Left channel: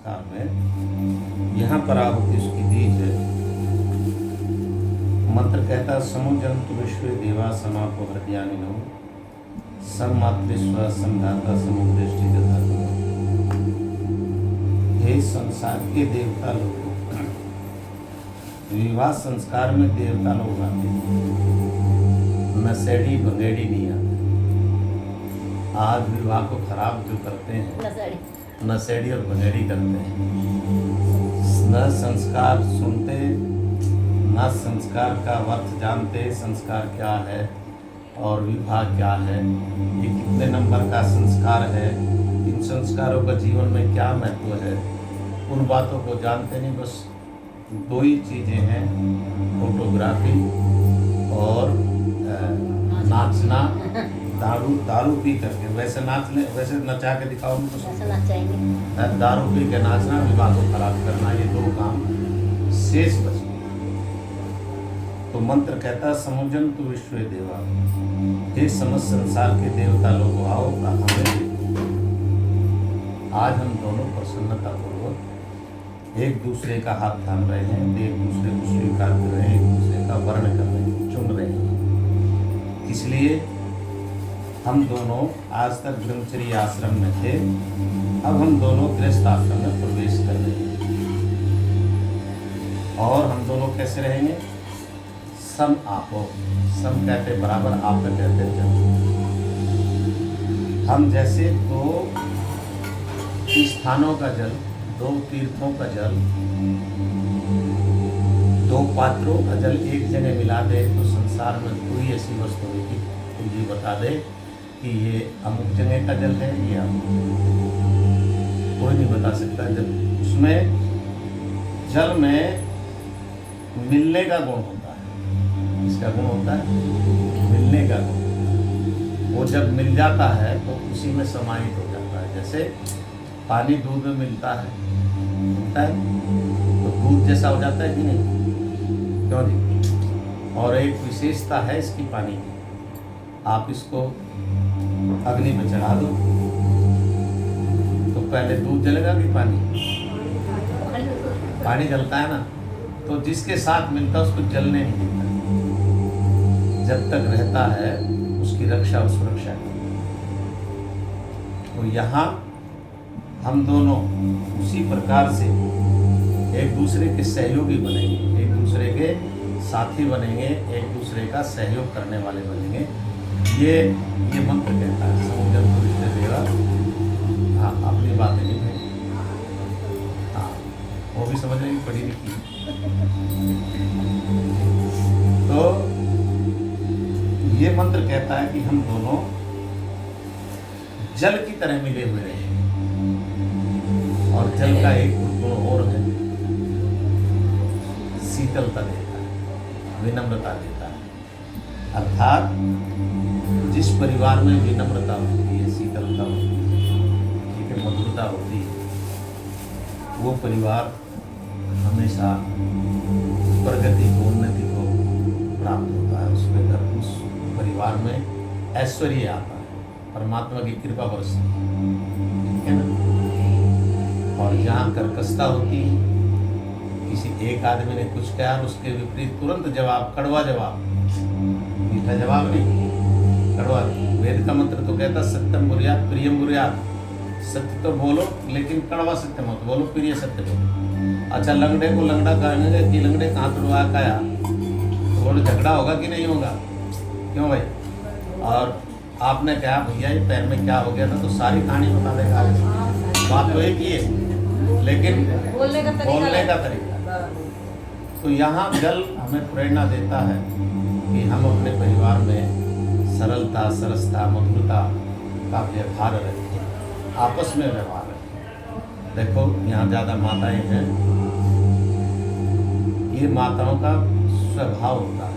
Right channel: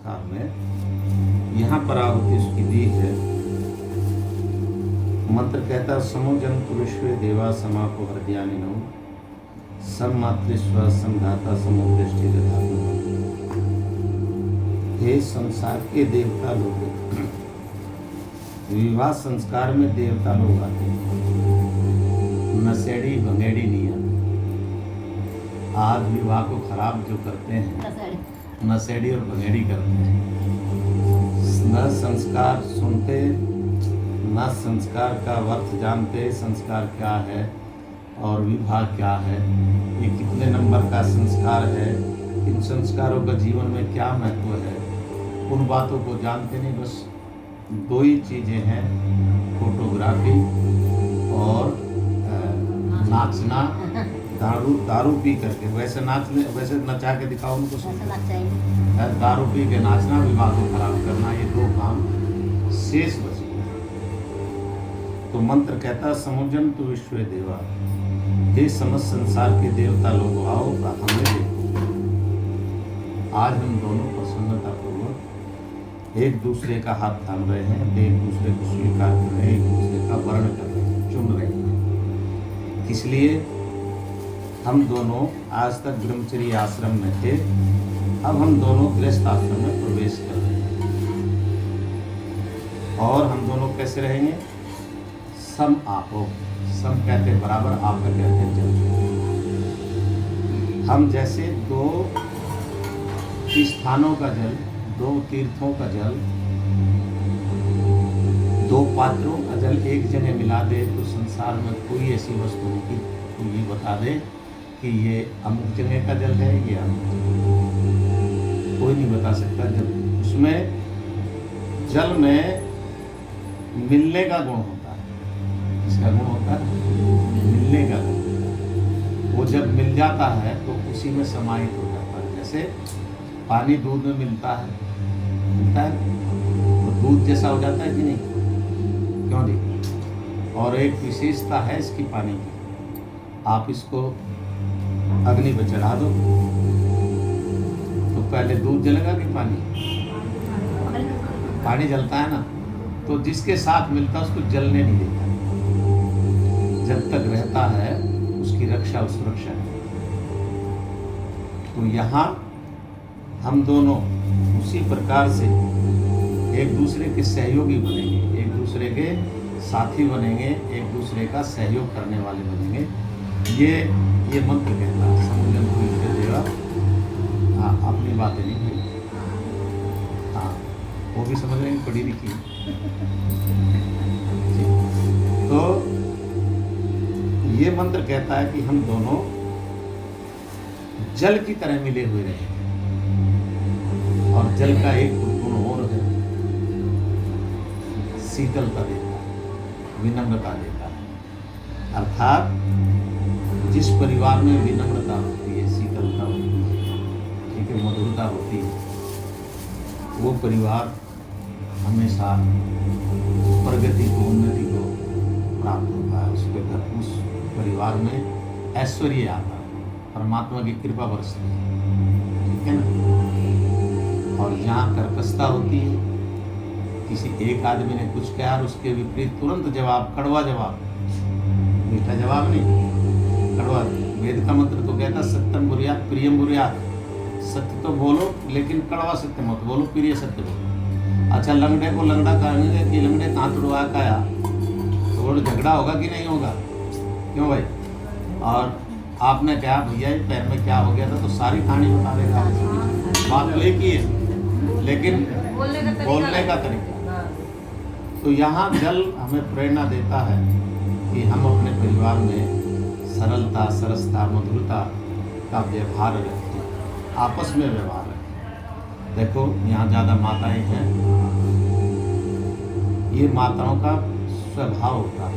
हाँ में यहाँ पर आहुति उसकी दी है। मंत्र कहता समोजंतु विश्व देवा समापो हृदयानिनो सममातृस्व समधाता समुदृष्टि दधातु। हे संसार के देवता लोगों, विवाह संस्कार में देवता लोग आते हैं, नशेड़ी भंगेड़ी नहीं आते। आज विवाह को खराब जो करते हैं नशेड़ी और भंगेड़ी करते हैं। न संस्कार सुनते, न संस्कार का अर्थ जानते, संस्कार क्या है और विवाह क्या है, ये कितने नंबर का संस्कार है, इन संस्कारों का जीवन में क्या महत्व है, उन बातों को जानते नहीं। बस दो ही चीज़ें हैं, फोटोग्राफी और नाचना। दारू पी करके वैसे नाच ले, वैसे नचा के दिखाओ उनको, दारू पी के नाचना, विवाह को खराब करना, ये दो काम शेष बचे। तो मंत्र कहता समुजंतु विश्व देवा, हे समस्त संसार के देवता लोग आओ का हमें देखो। आज हम दोनों प्रसन्नता पूर्वक एक दूसरे का हाथ थाम रहे हैं, एक दूसरे को स्वीकार कर रहे हैं, एक दूसरे का वर्ण कर रहे हैं, चुन रहे हैं। इसलिए हम दोनों आज तक ब्रह्मचर्य आश्रम में थे, अब हम दोनों गृहस्थ आश्रम में प्रवेश कर रहे हैं। और हम दोनों कैसे रहेंगे? सम आपो, सम कहते बराबर, आप कहते जल। हम जैसे दो स्थानों का जल, दो तीर्थों का जल, दो पात्रों का जल एक जगह मिला दे तो संसार में कोई ऐसी वस्तु होगी पूरी बता दे कि ये अमुक जगह का जल है, ये कोई नहीं बता सकता। जब उसमें जल में मिलने का गुण होता है, इसका गुण होता है मिलने का गुण होता है। वो जब मिल जाता है तो उसी में समाहित हो जाता है। जैसे पानी दूध में मिलता है तो दूध जैसा हो जाता है कि नहीं, क्यों नहीं? और एक विशेषता है इसकी पानी की, आप इसको अग्नि पर चढ़ा दो तो पहले दूध जलेगा कि पानी जलता है ना, तो जिसके साथ मिलता है उसको जलने नहीं देता, जब तक रहता है उसकी रक्षा और सुरक्षा। तो यहाँ हम दोनों उसी प्रकार से एक दूसरे के सहयोगी बनेंगे, एक दूसरे के साथी बनेंगे, एक दूसरे का सहयोग करने वाले बनेंगे। ये मंत्र कहता है समुजंतु विश्व देवा। हाँ, अपनी बातें नहीं कही, हाँ वो भी समझ लेंगे, पढ़ी लिखी। तो ये मंत्र कहता है कि हम दोनों जल की तरह मिले हुए रहे हैं। और जल का एक गुण और है, शीतलता देता है, विनम्रता देता है। अर्थात जिस परिवार में विनम्रता होती है, शीतलता होती है, ठीक है, मधुरता होती है, वो परिवार हमेशा प्रगति को, उन्नति को प्राप्त होता है। उस परिवार में ऐश्वर्य आता है, परमात्मा की कृपा बरसती है, ठीक है ना। और जहाँ कर्कशता होती है, किसी एक आदमी ने कुछ कहा और उसके विपरीत तुरंत जवाब, कड़वा जवाब, मीठा जवाब नहीं, कड़वा। वेद का मंत्र तो कहता सत्यम बुरियात प्रियम बुरियात, सत्य तो बोलो लेकिन कड़वा सत्य मत बोलो, प्रिय सत्य बोलो। अच्छा, लंगड़े को लंगड़ा कहेंगे कि लंगड़े कहाँ तुड़वा खाया, तो बोलो झगड़ा होगा कि नहीं होगा, क्यों भाई? और आपने कहा भैया ये पैर में क्या हो गया था, तो सारी कहानी बता देगा। बात तो एक ही है लेकिन बोलने का तरीका। तो यहाँ जल हमें प्रेरणा देता है कि हम अपने परिवार में सरलता, सरसता, मधुरता का व्यवहार रखें, आपस में व्यवहार रखें। देखो यहाँ ज़्यादा माताएं हैं, ये माताओं का स्वभाव होता है।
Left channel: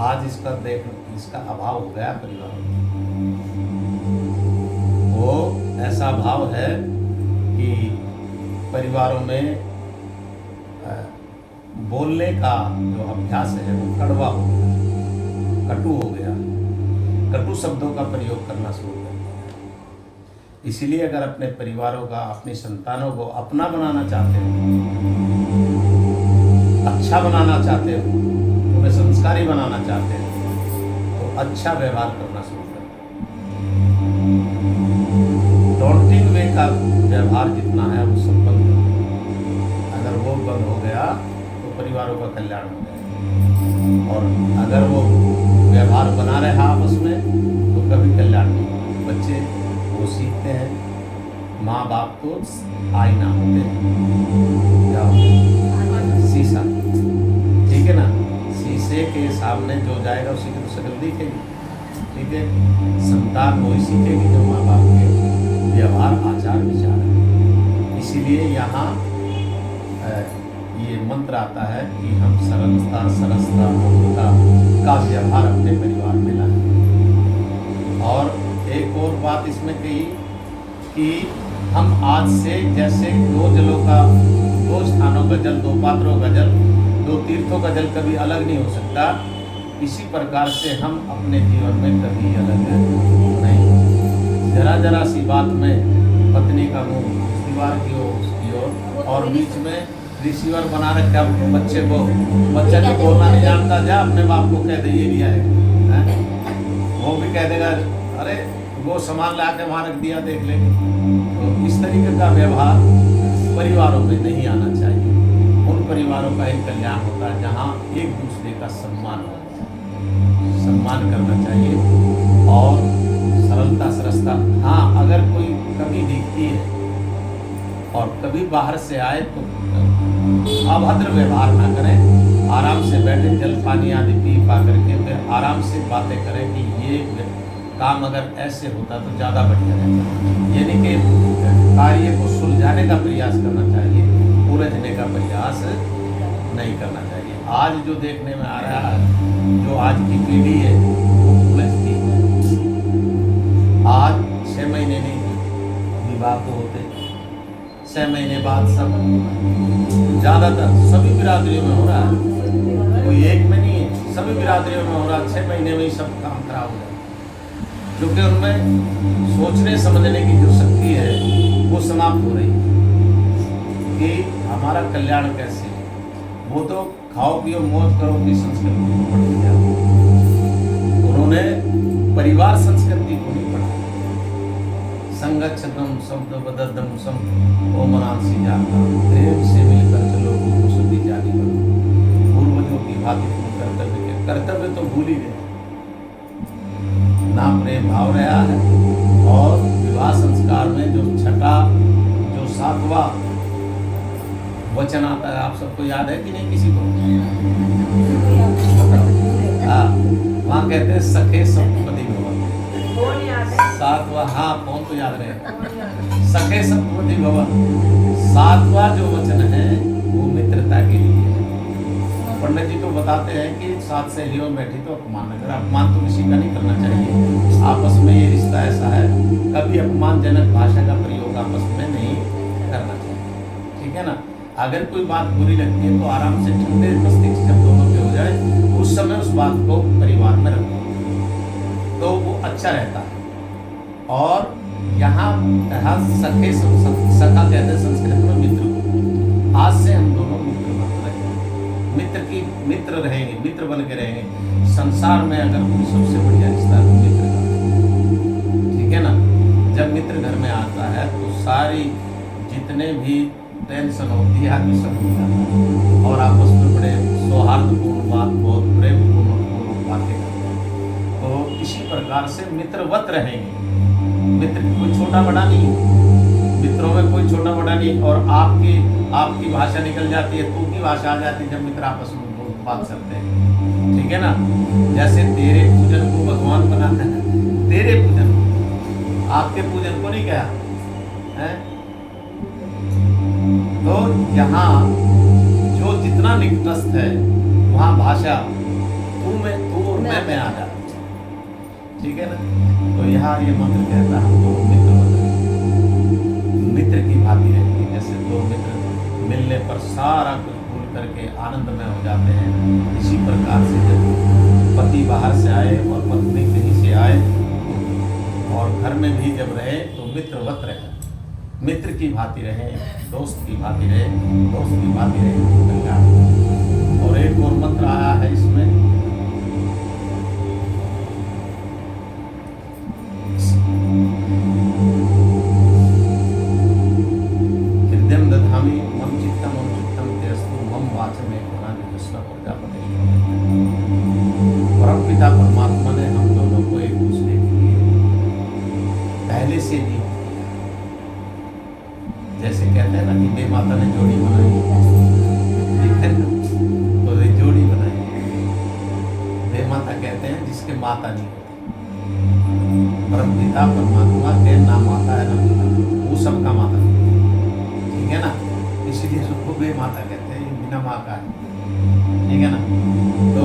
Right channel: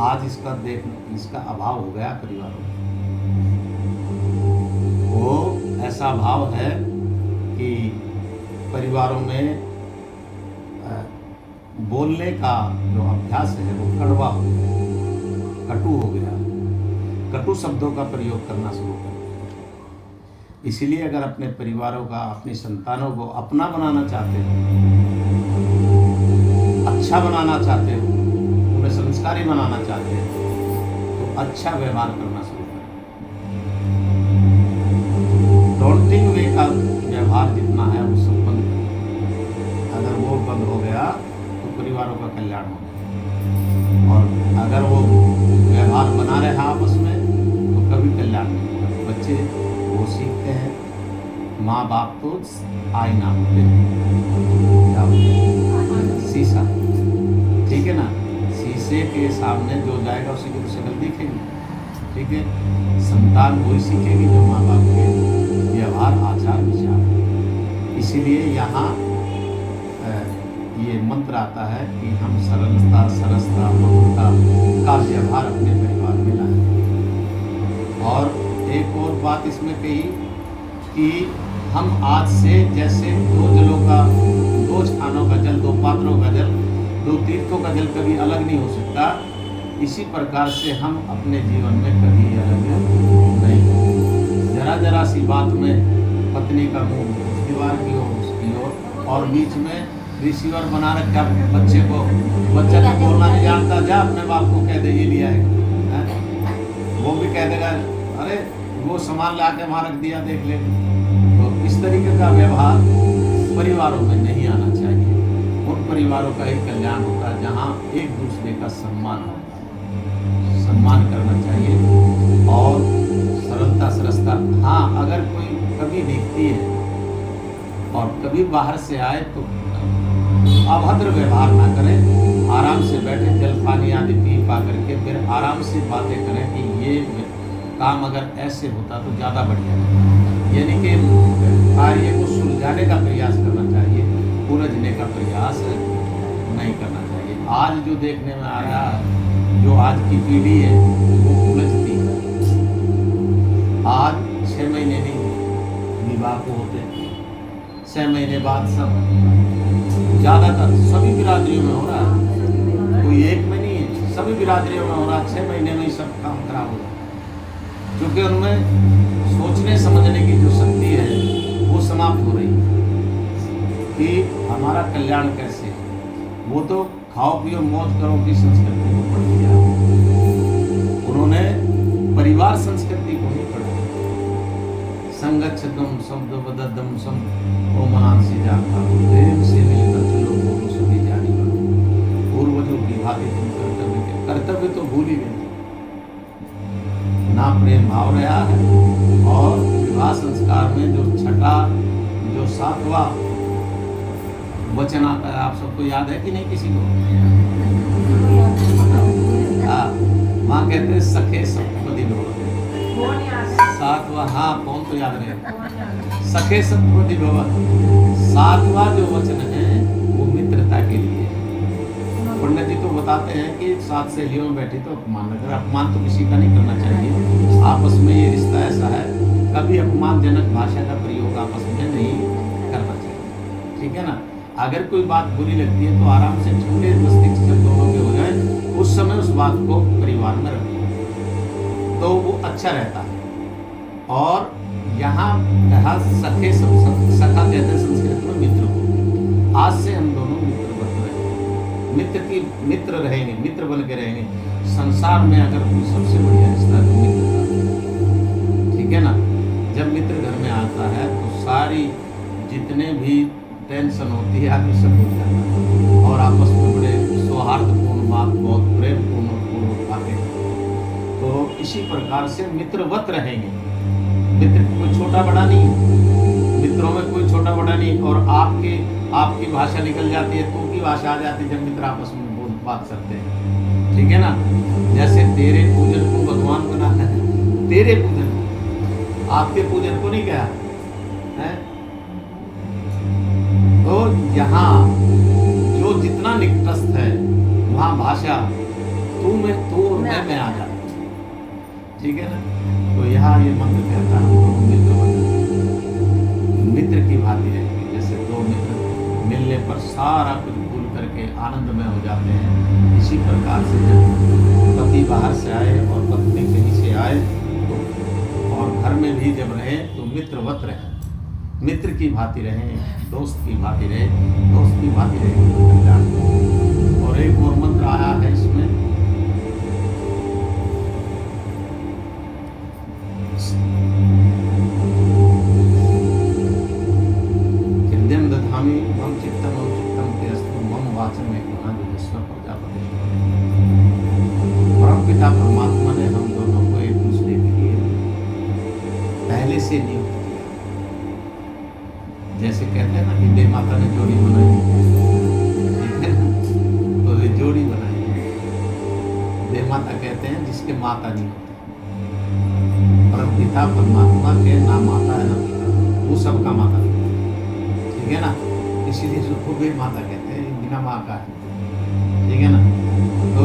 आज इसका अभाव हो गया परिवार में। वो ऐसा भाव है कि परिवारों में बोलने का जो अभ्यास है वो कड़वा हो गया, कटु हो गया, कटु शब्दों का प्रयोग करना शुरू कर दिया। इसलिए अगर अपने परिवारों का, अपनी संतानों को अपना बनाना चाहते हो, अच्छा बनाना चाहते हो, उन्हें संस्कारी बनाना चाहते हो, तो अच्छा व्यवहार करना शुरू करो। डोंटिंग वे का व्यवहार जितना है वो सब बंद करो। अगर वो बंद हो गया तो परिवारों का कल्याण हो गया, और अगर वो व्यवहार बना रहे आपस में तो कभी कल्याण नहीं होगा। बच्चे वो सीखते हैं, माँ बाप तो आईना होते हैं, क्या होते, शीशा, ठीक है ना। शीशे के सामने जो जाएगा उसी की तो शक्ल दिखेगी, ठीक है। संतान वही सीखेगी जो माँ बाप के व्यवहार, आचार, विचार। इसीलिए यहाँ ये मंत्र आता है कि हम सरलता, सरसता, मधुरता का व्यवहार अपने परिवार में लाएं। और एक और बात इसमें कही कि हम आज से जैसे दो जलों का, दो स्थानों का जल, दो पात्रों का जल, दो तीर्थों का जल कभी अलग नहीं हो सकता, इसी प्रकार से हम अपने जीवन में कभी अलग नहीं होंगे। जरा जरा सी बात में पत्नी का मुंह उस दीवार की ओर, उसकी ओर, और बीच में रिसीवर बना रखा बच्चे को। बच्चा तो बोलना नहीं जानता, जा अपने बाप को कह दे ये भी आएगा, वो भी कह देगा अरे वो सामान ला के वहाँ रख दिया, देख लेंगे। तो इस तरीके का व्यवहार परिवारों में नहीं आना चाहिए। उन परिवारों का ही कल्याण होता है जहाँ एक दूसरे का सम्मान होता है, सम्मान करना चाहिए। और सरलता, सरसता, हाँ अगर कोई कभी दिखती है और कभी बाहर से आए तो अभद्र व्यवहार ना करें, आराम से बैठे, जल पानी आदि पी पा करके फिर आराम से बातें करें कि ये काम अगर ऐसे होता तो ज़्यादा बढ़िया रहता। यानी कि कार्य को सुलझाने का प्रयास करना चाहिए, उलझने का प्रयास नहीं करना चाहिए। आज जो देखने में आ रहा है, जो आज की पीढ़ी है वो उलझती है। आज 6 महीने नहीं विवाह को होते, 6 महीने बाद सब, ज़्यादातर सभी बिरादरियों में हो रहा है, कोई एक में नहीं है, सभी बिरादरियों में हो रहा है। 6 महीने में ही सब काम खराब हो रहा है, क्योंकि उनमें सोचने समझने की जो शक्ति है वो समाप्त हो रही है कि हमारा कल्याण कैसे। वो तो खाओ पियो मौज करो की संस्कृति को पढ़ लिया, उन्होंने परिवार संस्कृति को नहीं पढ़ा। संगच्छतम शब्द बददम सम ओमनांसी जाता, प्रेम से मिलकर चलो दोनों सभी जानी बनो, पूर्वजों की भांति तुम कर्तव्य तो भूल ही गए, ना प्रेम भाव रहा है। और विवाह संस्कार में जो छठा, जो 7वां वचन आता है, आप सबको याद है कि नहीं? किसी को? हाँ, वहाँ कहते हैं सखे सप्तपदी भव। 7वां, हाँ कौन तो याद रहेगा, सखे सप्तपदी भव। 7वां जो वचन है वो मित्रता के लिए। पंडित जी तो बताते हैं कि 7 सहेलियों में बैठी तो अपमान, अगर अपमान तो किसी का नहीं करना चाहिए। आपस में ये रिश्ता ऐसा है, कभी अपमानजनक भाषा का प्रयोग आपस में नहीं करना चाहिए, ठीक है ना। अगर कोई बात बुरी लगती है तो आराम से ठंडे मस्तिष्क जब दोनों पे हो जाए उस समय उस बात को परिवार में रखो तो वो अच्छा रहता है। और यहाँ कहा सखे, सखा कहते हैं संस्कृत में मित्र को। आज से हम दोनों मित्र बन रहे, मित्र रहेंगे, मित्र बन के रहेंगे। संसार में अगर कोई सबसे बढ़िया रिश्ता तो मित्र का, ठीक है ना। जब मित्र घर में आता है तो सारी जितने भी टेंशन होती है आदमी सब भूल जाता है और आपस में बड़े सौहार्दपूर्ण बात, बहुत प्रेमपूर्ण बातें। तो इसी प्रकार से मित्रवत रहेंगे। मित्र कोई छोटा बड़ा नहीं, मित्रों में कोई छोटा बड़ा नहीं। और आपकी भाषा निकल जाती है, तू की भाषा आ जाती है जब मित्र आपस में बात करते हैं, ठीक है ना। जैसे तेरे पूजन को भगवान बना है, तेरे पूजन, आपके पूजन को नहीं कहा है। तो यहाँ जो जितना निकटस्थ है वहाँ भाषा तू और मैं आ जाता, ठीक है ना। तो यहाँ ये मंत्र कहता है हम मित्र की भांति रहेंगे। जैसे 2 मित्र मिलने पर सारा कुछ भूल करके आनंदमय हो जाते हैं, इसी प्रकार से जब पति बाहर से आए और पत्नी कहीं से आए और घर में भी जब रहे तो मित्रवत रहे, मित्र की भांति रहे, दोस्त की भांति रहे, दोस्त की भांति रहे कल्याण। और एक और मंत्र आया है इसमें, हृदयम दधामि मम चित्तम अनुचित्तम तेस्तु मम वाचम एक विश्व प्रजापति। परम पिता परमात्मा ने हम दोनों को एक दूसरे के लिए पहले से नहीं किया। जैसे कहते हैं ना कि देव माता ने जोड़ी बनाई, ठीक है ना, तो ये जोड़ी बनाई। देव माता कहते हैं जिसके माता नहीं होती। परम पिता परमात्मा के ना माता है ना पिता, वो सबका माता नहीं है, ठीक है ना। इसीलिए उसको गई माता कहते हैं, बिना माँ का है, ठीक है ना। तो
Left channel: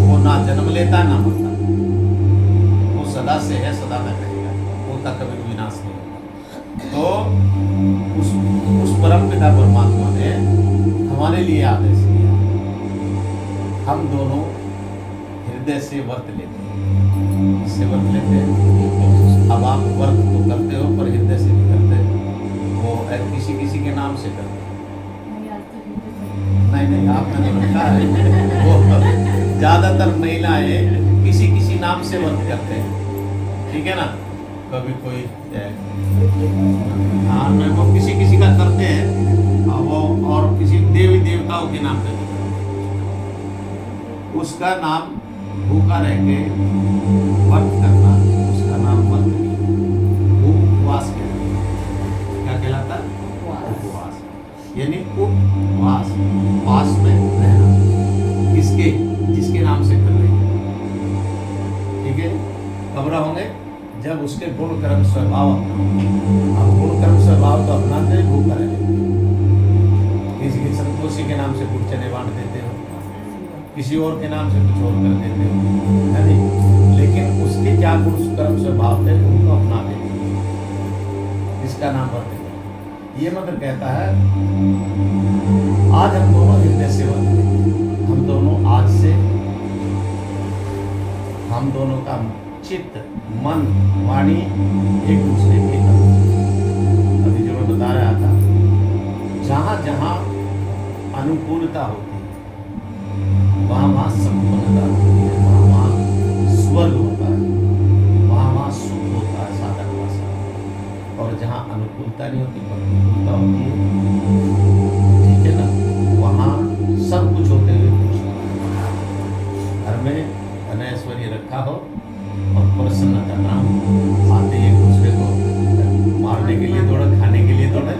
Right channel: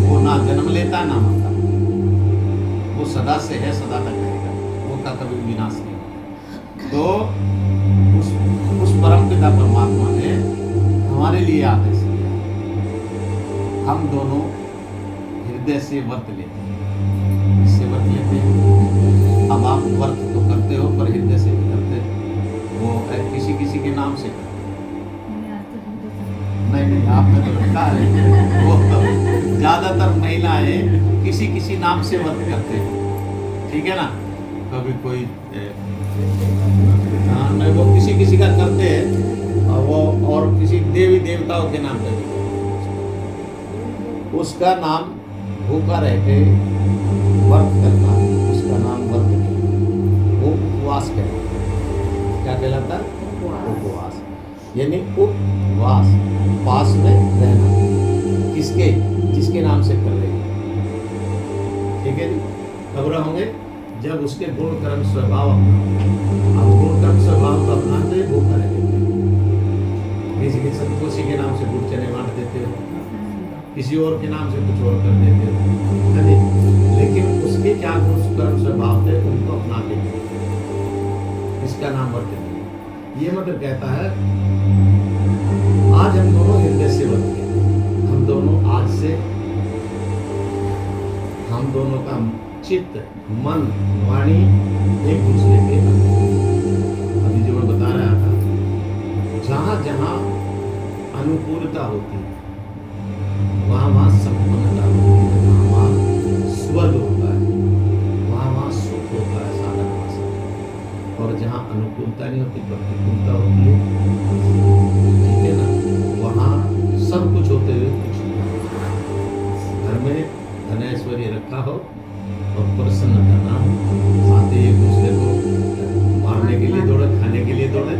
वो ना जन्म लेता ना मरता, वो सदा से है, सदा तक रहेगा, वो का कभी विनाश नहीं होगा। तो उस परम पिता परमात्मा ने हमारे लिए आदेश किया, हम दोनों हृदय से व्रत लेते हैं। इससे व्रत लेते हैं, अब आप व्रत तो करते हो पर हृदय से भी करते हो, वो किसी किसी के नाम से करते। नहीं आप तो नहीं पता है, वो ज्यादातर महिलाएं किसी किसी नाम से व्रत करते हैं, ठीक है ना। कभी कोई हाँ वो किसी किसी का करते हैं, वो और किसी देवी देवताओं के नाम पे उसका नाम भूखा रह के व्रत करना, उसका नाम व्रत नहीं, वो उपवास कहलाता है। क्या कहलाता है? उपवास, यानी उपवास, पास में रहना, किसके? जिसके नाम से कर रहे, ठीक है जी। कब रहोगे? जब उसके गुण कर्म स्वभाव अपनाओ। अब गुण कर्म स्वभाव तो अपनाते ही भूखा रह लेते। किसी संतोषी के नाम से गुड़ चने बांट देते हो, किसी और के नाम से कुछ और कर देते हो, है नहीं। लेकिन उसके क्या गुण कर्म स्वभाव थे उनको अपनाते थे, इसका नाम व्रत नहीं। ये मतलब कहता है आज हम दोनों हृदय से व्रत लेते हैं। हम दोनों आज से, हम दोनों का चित्त मन वाणी एक दूसरे के अंदर। अभी जो मैं बता रहा था, जहां जहां अनुकूलता होती है वहां वहां संपन्नता होती है, वहां वहां स्वर्ग होता है, वहां वहां सुख होता है, साधन वासा। और जहां अनुकूलता नहीं होती, प्रतिकूलता होती है, ठीक है ना, वहां सब कुछ होते हुए कुछ नहीं। घर में धन ऐश्वर्य रखा हो और प्रसन्नता ना हो, आते एक दूसरे को मारने के लिए दौड़े, खाने के लिए दौड़े,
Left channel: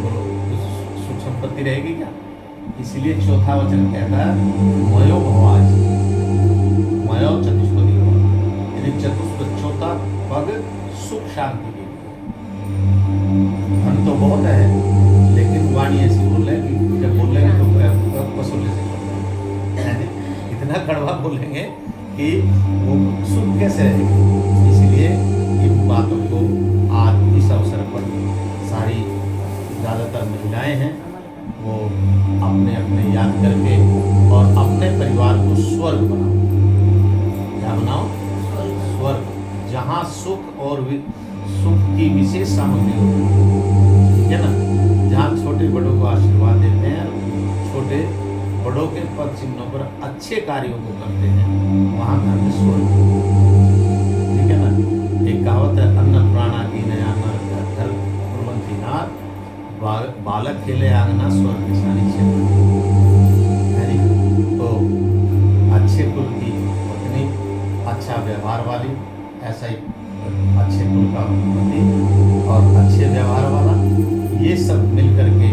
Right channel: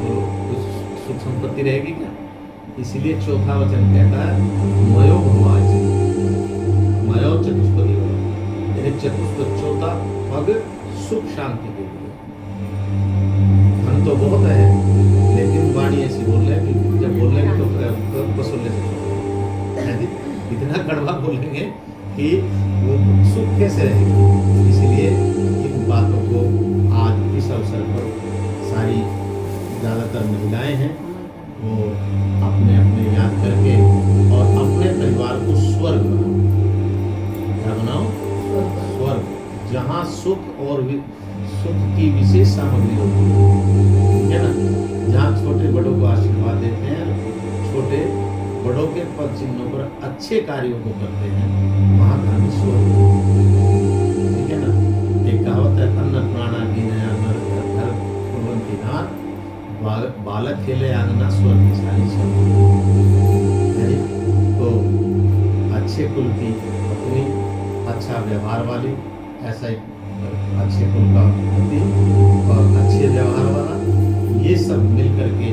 तो कुछ सुख संपत्ति रहेगी क्या? इसलिए चौथा वचन कहता है मयो भवाज, मयो चतुष्पदी, यानी चतुष्पद चौथा पग सुख शांति के लिए। धन तो बहुत है, लेकिन वाणी ऐसी बोल रहे कि जब बोलेंगे तो पसुले से इतना कड़वा बोलेंगे कि वो सुख कैसे रहेगा। इसलिए इन बातों को आज इस अवसर पर सारी ज़्यादातर महिलाएं हैं, वो अपने अपने याद करके और अपने परिवार को स्वर्ग बनाओ। क्या बनाओ? स्वर्ग, जहाँ सुख और सुख की विशेष सामग्री होती है ना, जहाँ छोटे बड़ों को आशीर्वाद देते हैं, छोटे बड़ों के पद चिन्हों पर अच्छे कार्यों को करते हैं, वहाँ घर में स्वर्ग, ठीक है ना। एक कहावत है, अन्न प्राणा की नया नर घर कुर्बंती नार, बालक खेले आंगना स्वर्ग निशानी से। तो अच्छे कुल की पत्नी, अच्छा व्यवहार वाली, ऐसा ही अच्छे कुल का पति और अच्छे व्यवहार वाला, ये सब मिल करके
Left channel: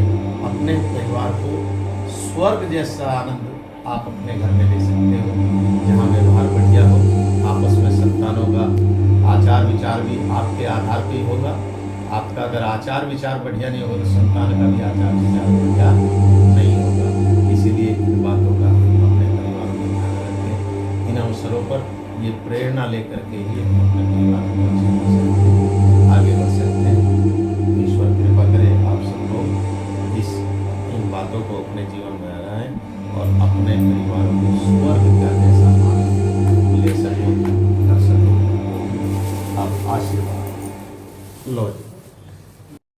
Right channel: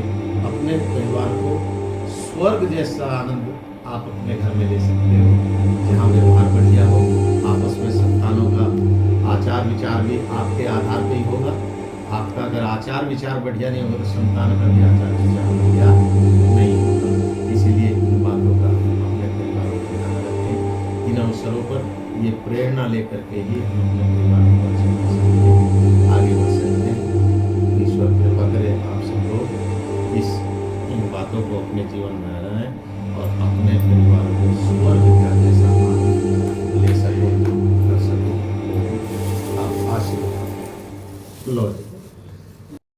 अपने परिवार को स्वर्ग जैसा आनंद आप अपने घर में ले सकते हो, जहाँ व्यवहार बढ़िया हो, आपस में संतानों का आचार विचार भी आपके आधार पर ही होगा। आपका अगर आचार विचार बढ़िया नहीं होगा तो संतान का भी आचार विचार बढ़िया नहीं होगा। इसीलिए इन बातों का अपने परिवार में ध्यान रखें। इन अवसरों पर ये प्रेरणा लेकर के ही हम अपने परिवार को अच्छा कर सकते हैं, आगे बढ़ सकते हैं। ईश्वर कृपा करे आप सब लोग इन बातों को अपने जीवन में आए और अपने परिवार को स्वर्ग का जैसा आनंद ले सको, कर सको। आप आशीर्वाद लो जी